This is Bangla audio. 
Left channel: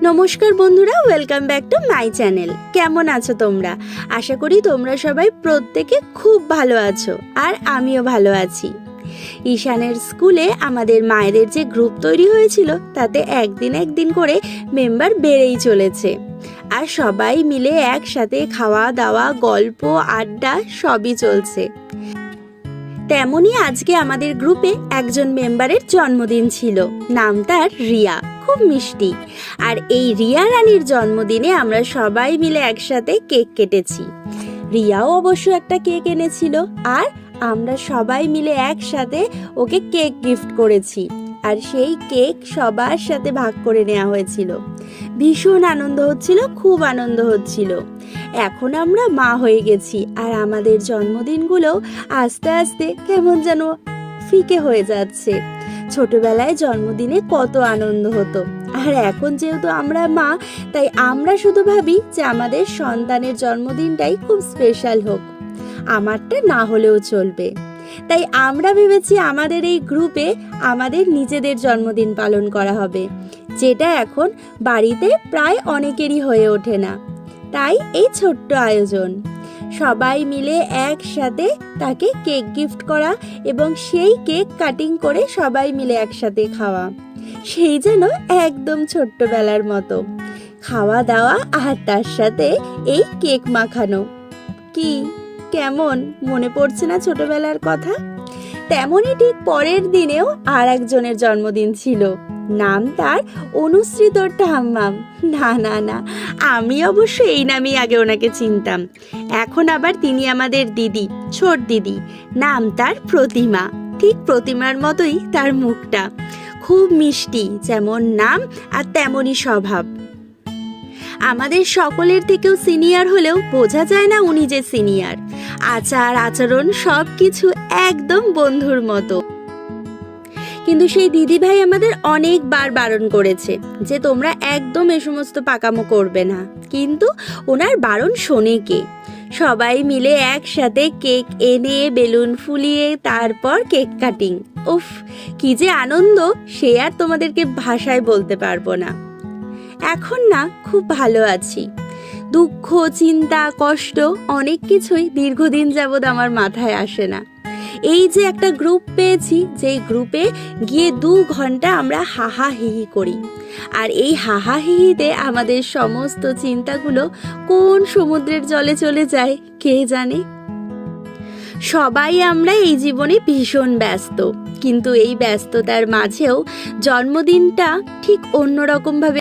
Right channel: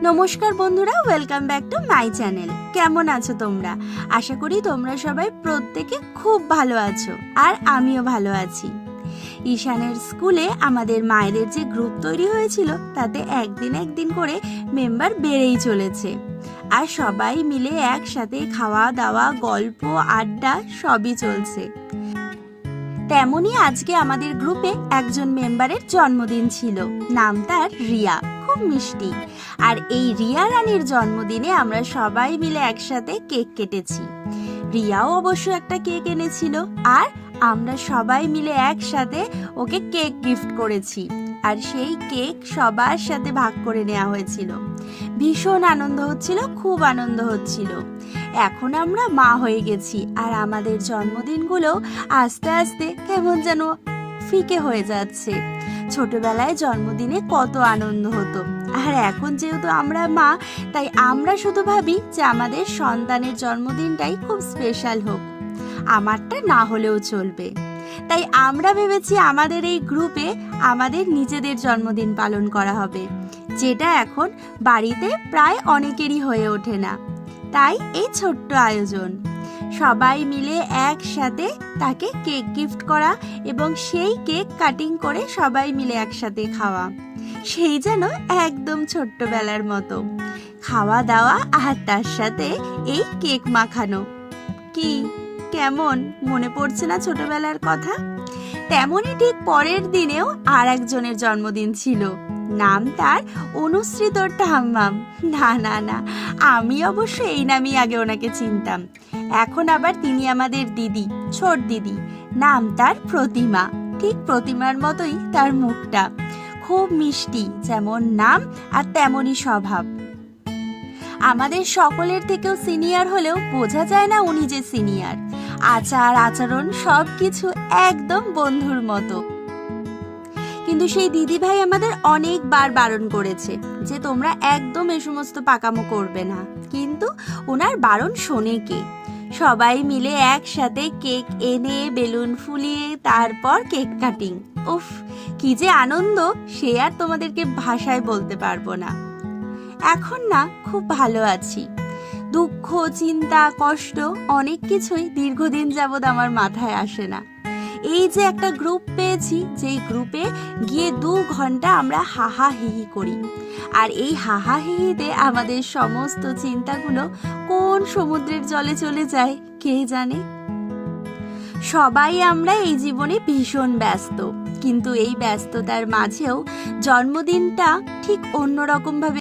নমস্কার বন্ধুরা, welcome back to my channel. কেমন আছো তোমরা? আশা করি তোমরা সবাই প্রত্যেকে খুব ভালো আছো, আর আমিও ভালো আছি। ঈশানের স্কুলে আমাদের মায়েদের যে গ্রুপ তৈরি হয়েছিল, তাতে একদিন করে মেম্বার বেড়েই চলেছে। আর সবাই মিলে একসাথে খাওয়া দাওয়া, গল্প, আড্ডা সবই চলছে। তেমনই আজকে আমাদের গ্রুপে একজন মেম্বারের জন্মদিন ছিল। নাম তার রিয়া, খুব মিষ্টি। আর এই রিয়া রানীর জন্মদিনে আমরা সবাই মিলে একসাথে কেক কেটেছি। রিয়াও অবশ্য একটা কেক এনেছিল, আর আমরা সবাই মিলে একসাথে ওকে কেক গিফট করেছি। আর সেই কেক সবার সাথে ভাগ করে নেওয়া হয়েছিল। ভীষণ আনন্দ হচ্ছিল, খুব আনন্দ হচ্ছিল। এখন আমরা মা হয়ে গেছি, আর আমাদের জন্মদিনগুলো আস্তে আস্তে কেমন যেন ফিকে হয়ে যাচ্ছে। ছোটবেলায় জন্মদিনে কত আনন্দ হতো, আর এখন যেহেতু আমরা মা, তাই আমরা শুধু ভাবি যে আমাদের সন্তানের জন্মদিনটাই খুব স্পেশাল হোক, আমারটা না হলেও চলবে। তাই আমরা ভেবেছি আমাদের এই গ্রুপে আমাদের নিজেদের জন্মদিন পালন করা হবে, যেটা এখন বাড়িতে প্রায় অনেকেরই হয়ে ওঠে না। তাই এই ছোট্ট আয়োজন, সবাই মিলে একসাথে তাকে কেক গিফট করা এবং সেই কেক কাটিং করে সবাই মিলে একসাথে খাওয়া, সেই যেন একদম ছোট্টবেলার মতো খাওয়া দাওয়া, আর তার সাথে এই কেক মাখানো। কি কেমন মনে পড়ছে না ছোটবেলার কথা? তেমনই ঠিক পরের দিনেও আর একজনের জন্মদিন ছিল। নাম তার অনুশ্রী ঠাম্মাম। না, আমি অবশ্য এই নামেই আগে ওনাকে চিনতাম। এখন আবার তিনি আমাদের দিদি, ছোট দিদি। নাম তার প্রতিমা। ঠিক প্রতিমার মতোই তার মুখটা, খুব মিষ্টি, যেমন নাম আর তেমনই স্বভাব। আমাদের সকলের থেকেও সিনিয়র হলেও বোঝা যায় না উনি যে সিনিয়র। আচার আচরণ সব কিছু একদম বন্ধুর মতো। কিন্তু সেই দিদিভাই আমাদের অনেকবার বারণ করেছে যে তোমরা একদম এ সমস্ত পাকামো করবে না, কিন্তু ওনার বারণ শোনে কে? সবাই মিলে একসাথে কেক এনে বেলুন ফুলিয়ে তারপর কেক কাটিং, উফ কি যে আনন্দ, সে আর তোমাদেরকে ভাষায় বলতে পারবো না। এখন না খুব ভালো আছি। দুঃখ, চিন্তা, কষ্ট অনেক কিছুই দীর্ঘদিন যাবৎ আমার মাথায় আসে না। এই যে একটা গ্রুপ পেয়েছি, যেই গ্রুপে গিয়ে 2 ঘন্টা আমরা হাহা হিহি করি, আর এই হাহা হিহিতে আমাদের সমস্ত চিন্তাগুলো কোন সমুদ্রের জলে চলে যায় কে জানে। সবাই আমরা এই জীবনে ভীষণ ব্যস্ত, কিন্তু এই ব্যস্ততার মাঝেও জন্মদিনটা ঠিক অন্যরকমভাবে